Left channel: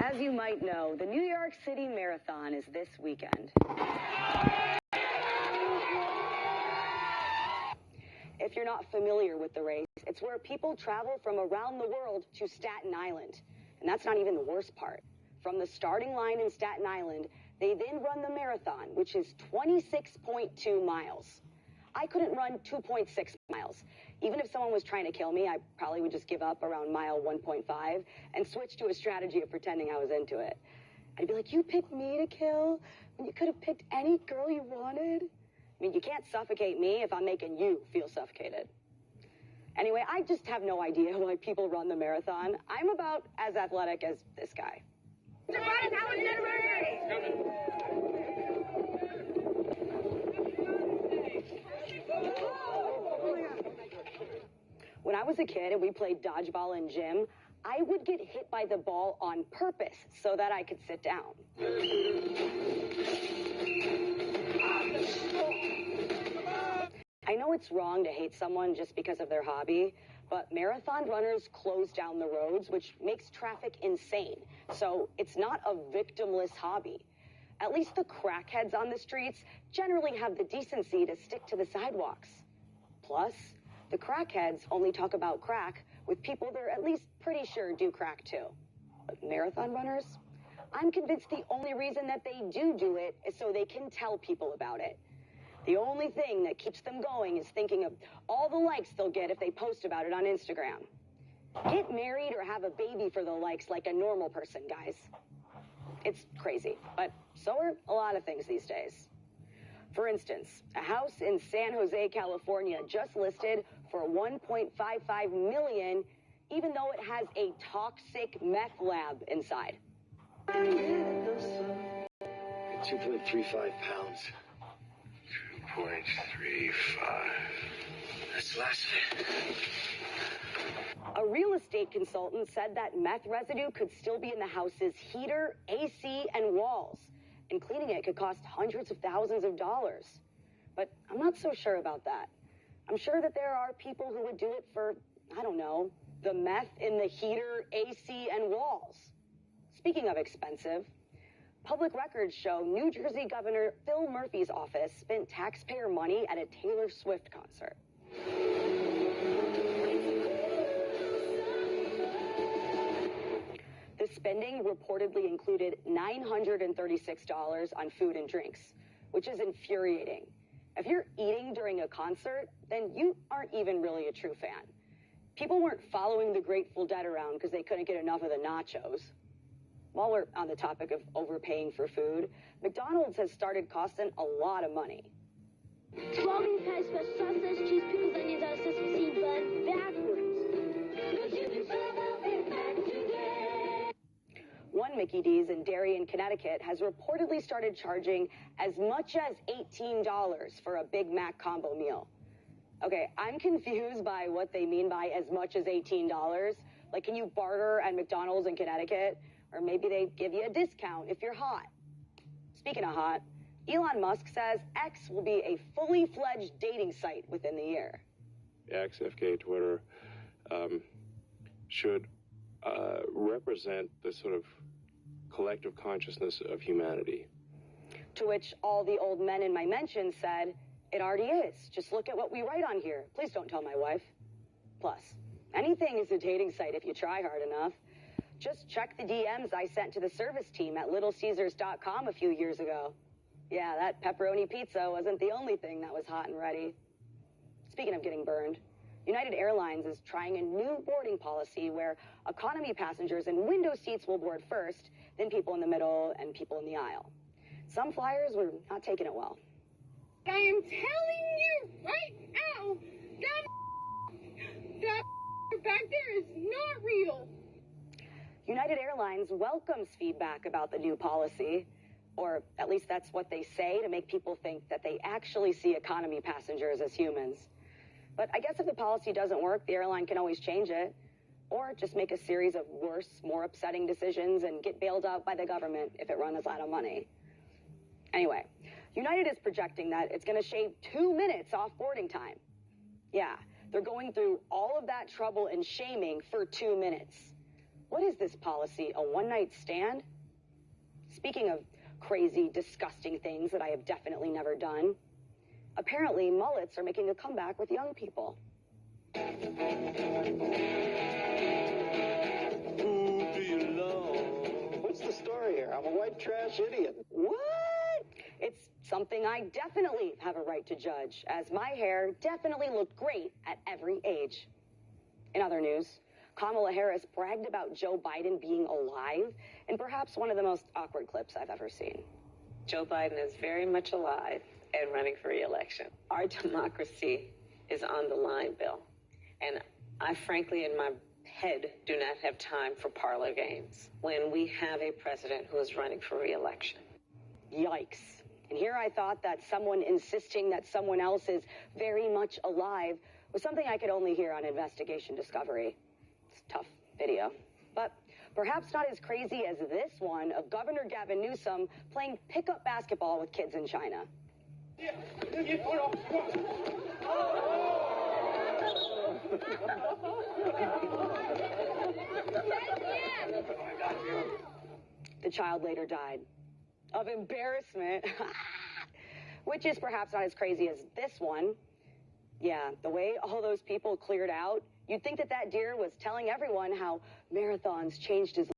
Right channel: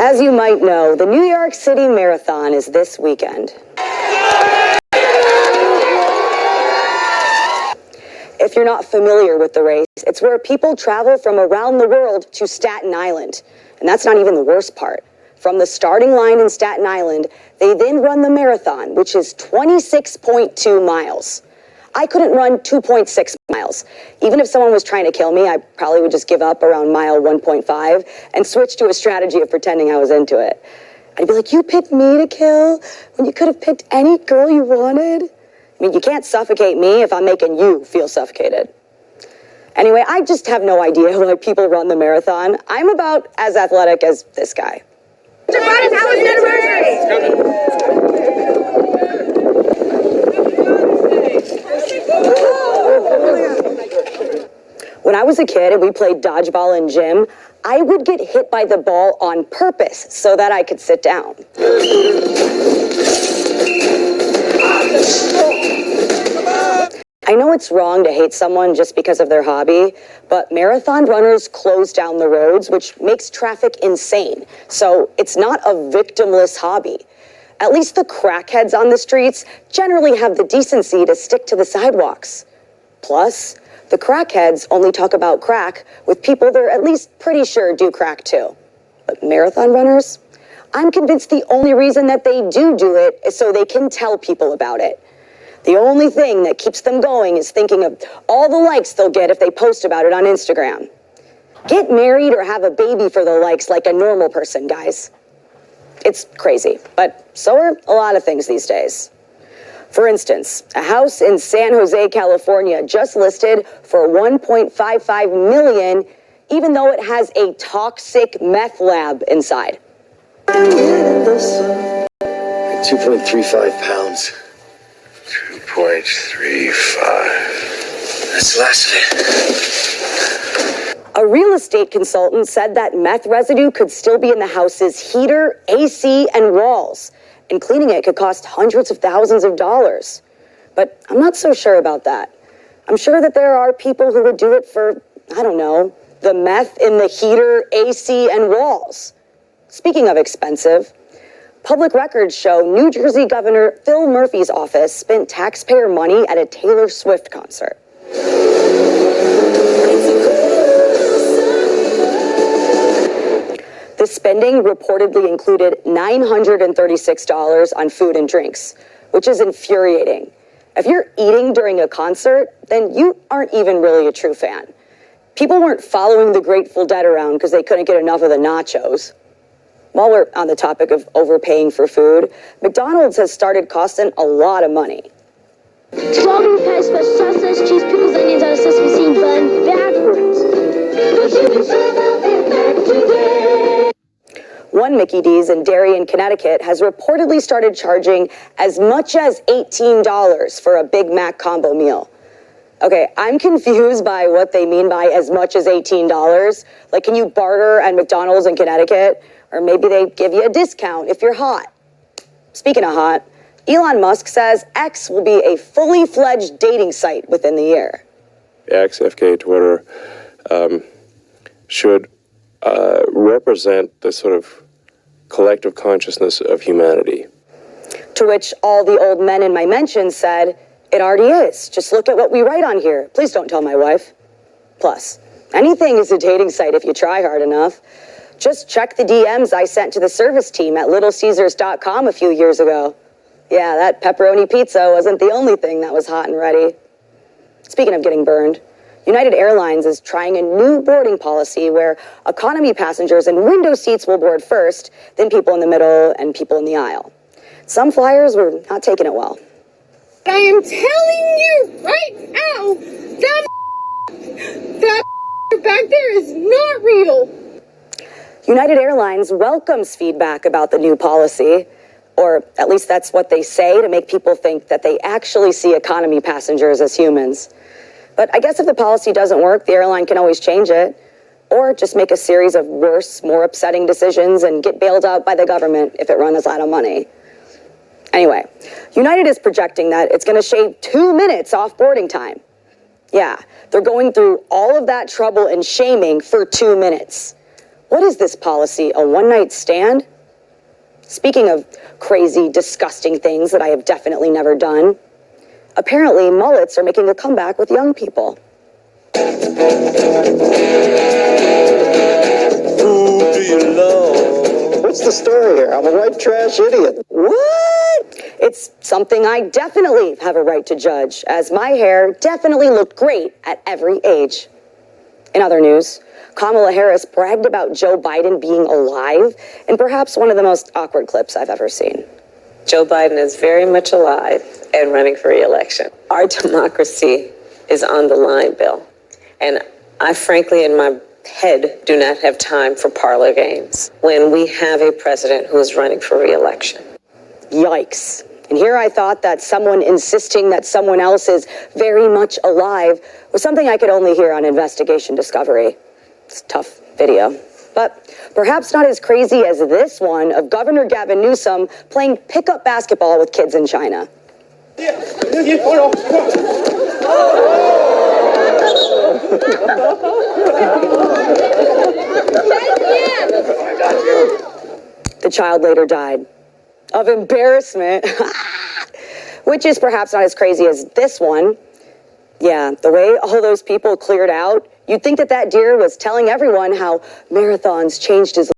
As you might know, the New York City Marathon is this weekend. If you're not familiar with the race, it's where people travel from around the world to Staten Island. And that's not even the worst part. From the starting line in Staten Island, they then run the marathon, which is 26.2 miles. I couldn't run 2.6 miles. Even if someone was trying to kill me, I probably would just give up around mile 1.5 and switch to a strategy of pretending I was into it. I'd be like, you picked me to kill when you could have picked any girl you wanted? I mean, you can't suffocate me if I'm making you feel suffocated. Anyway, I just have no idea why people run the marathon. I'm about as athletic as this guy. Mr. Biden, how was your anniversary? When I was a kid and we played dodgeball in gym, I would get hit by the ball on purpose so that I could sit down. I know it's wrong to hate someone just because of their hobby, but marathon runners close down the roads, which makes traffic insane. So it's not a victimless hobby. At least the crackheads on the streets generally have the decency to stick to the sidewalks. Plus, the crackheads only talk about crack with people they're at least pretty sure do crack too. But marathon runners? I'm convinced the only reason that they do it is so they can tell people about it. The only thing that keeps them going is thinking of all the likes they'll get if they post about it on Instagram. Get married or have a baby for the likes like a normal person, guys. It's crazy, but so are a lot of things these days. For instance, a house in San Jose, California just listed for $1.55 million, even though it has a toxic meth lab inside. 2.35 pounds. 2.35. That's the last of it. A real estate consultant said that meth residue could still be in the house's heater, AC, and walls, and cleaning it could cost hundreds of thousands of dollars. But I'm not so sure about that. I'm sure that there are people who would do it for, I don't know, the meth in the heater, AC, and walls. Speaking of expensive, public records show New Jersey Governor Phil Murphy's office spent taxpayer money at a Taylor Swift concert. The spending reportedly included $936 on food and drinks, which is infuriating. If you're eating during a concert, then you aren't even really a true fan. People weren't following the Grateful Dead around because they couldn't get enough of the nachos. While we're on the topic of overpaying for food, McDonald's has started costing a lot of money. 12 rupees for sausage, cheese, pickles, onions on a sesame seed bun backwards. One Mickey D's in Darien, Connecticut has reportedly started charging as much as $18 for a Big Mac combo meal. Okay, I'm confused by what they mean by as much as $18. Like, can you barter at McDonald's in Connecticut? Or maybe they give you a discount if you're hot. Speaking of hot, Elon Musk says X will be a fully fledged dating site within the year. X, FK, Twitter, should represent the sort of collective consciousness of humanity. To which all the old men in my mentions said, it already is. Just look at what we write on here. Please don't tell my wife. Plus, anything is a dating site if you try hard enough. Just check the DMs I sent to the service team at littlecaesars.com a few years ago. Yeah, that pepperoni pizza wasn't the only thing that was hot and ready. Speaking of getting burned, United Airlines is trying a new boarding policy where economy passengers in window seats will board first, then people in the middle and people in the aisle. Some flyers were not taking it well. I am telling you right now, that back there is not real. United Airlines welcomes feedback about the new policy, or at least that's what they say to make people think that they actually see economy passengers as humans. But I guess if the policy doesn't work, the airline can always change it, or just make a series of worse, more upsetting decisions and get bailed out by the government if it runs out of money. Anyway, United is projecting that it's going to shave 2 minutes off boarding time. Yeah, they're going through all of that trouble and shaming for 2 minutes. What is this policy? A one-night stand? Speaking of crazy, disgusting things that I have definitely never done, apparently mullets are making a comeback with young people. Who do you love? What's the story here? I'm a white trash idiot. What? It's something I definitely have a right to judge, as my hair definitely looked great at every age. In other news, Kamala Harris bragged about Joe Biden being alive in perhaps one of the most awkward clips I've ever seen. Joe Biden is very much alive and running for re-election. Our democracy is on the line, Bill. And I frankly, in my head, do not have time for parlor games when we have a president who is running for re-election. Yikes. And here I thought that someone insisting that someone else is very much alive was something I could only hear on Investigation Discovery. It's a tough video. But perhaps not as crazy as this one of Governor Gavin Newsom playing pickup basketball with kids in China. The child later died of embarrassment, which is perhaps not as crazy as this one. Yeah, the way all those people cleared out, you'd think that that deer was telling everyone how marathons changed his life.